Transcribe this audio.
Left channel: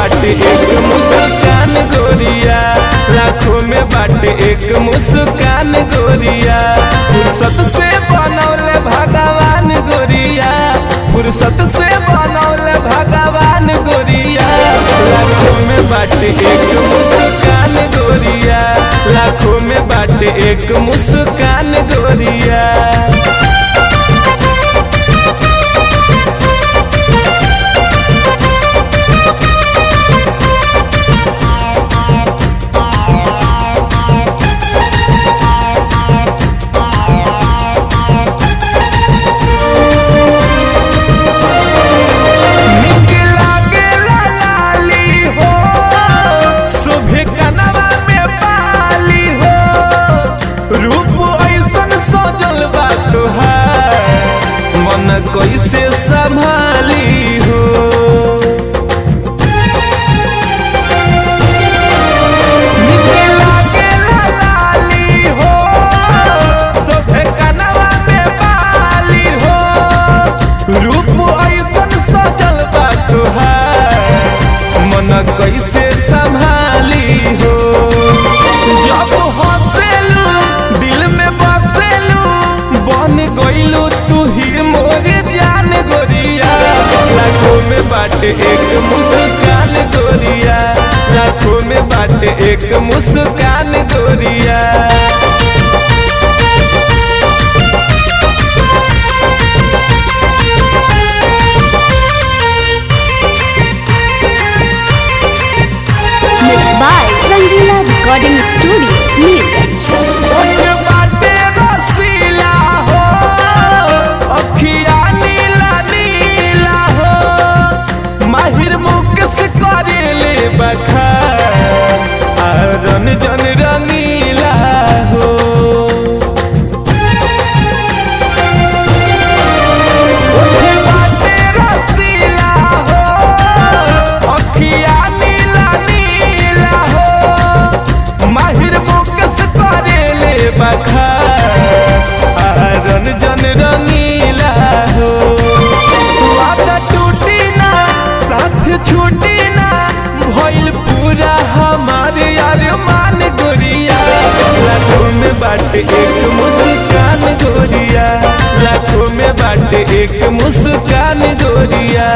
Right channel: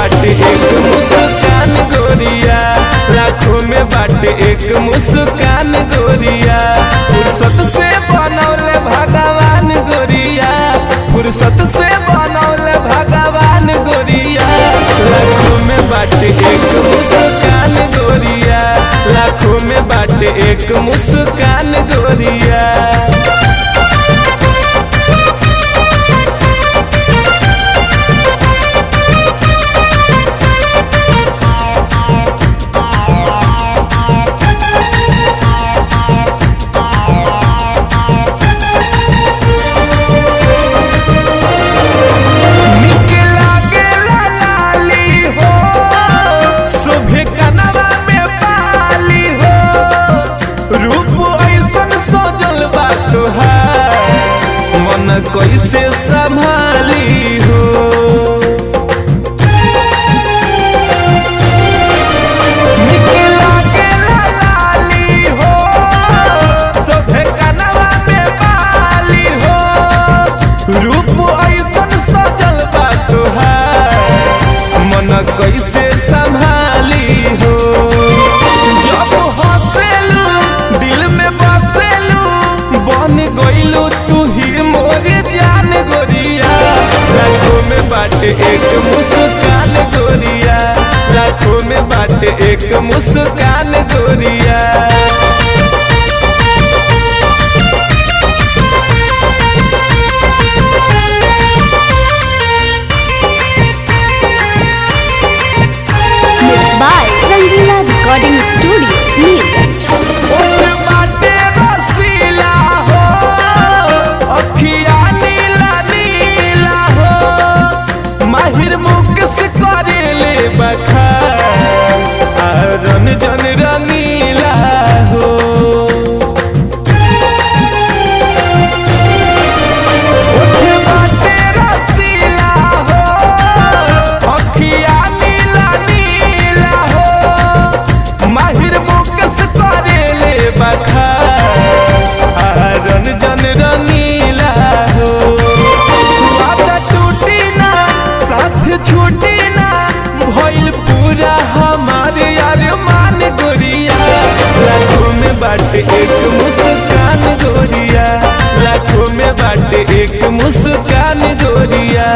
बाटे एक मुस्कान गोरिया, लाखों में बाटे एक मुस्कान गोरिया। फुर्सत से बनौले भगवान गोरिया, फुर्सत से बनौले भगवान गोरिया। लाखों में बाटे एक मुस्कान गोरिया, लाखों में बाटे एक मुस्कान गोरिया। मन कैसे संभाली हो, निके लागे लाली हो, सोभे कनवा में बाली हो। रूप ऐसन सजल बा तोहार, मन कैसे संभाली हो। जब हंसेलू दिल में बसेलू, बन गइलू तू ही मोरे जान गोरिया। लाखों में बाटे एक मुस्कान गोरिया, लाखों में बाटे एक मुस्कान गोरिया। Mixed by Rangila Recording Studio, Neerganj। बाटे रसीला हो, अखिया नीला नीला हो, माहिर मुकेश करेले बखान, रन जन रंगीला हो। बाटे रसीला हो, अखिया नीला नीला हो, माहिर मुकेश करेले बखान, रन जन रंगीला हो। वादा टूटी ना साथ छूटी ना, भइल पूरा हमारे अरमान गोरिया। लाखों में बाटे एक मुस्कान गोरिया, लाखों में बाटे एक मुस्कान गोरिया।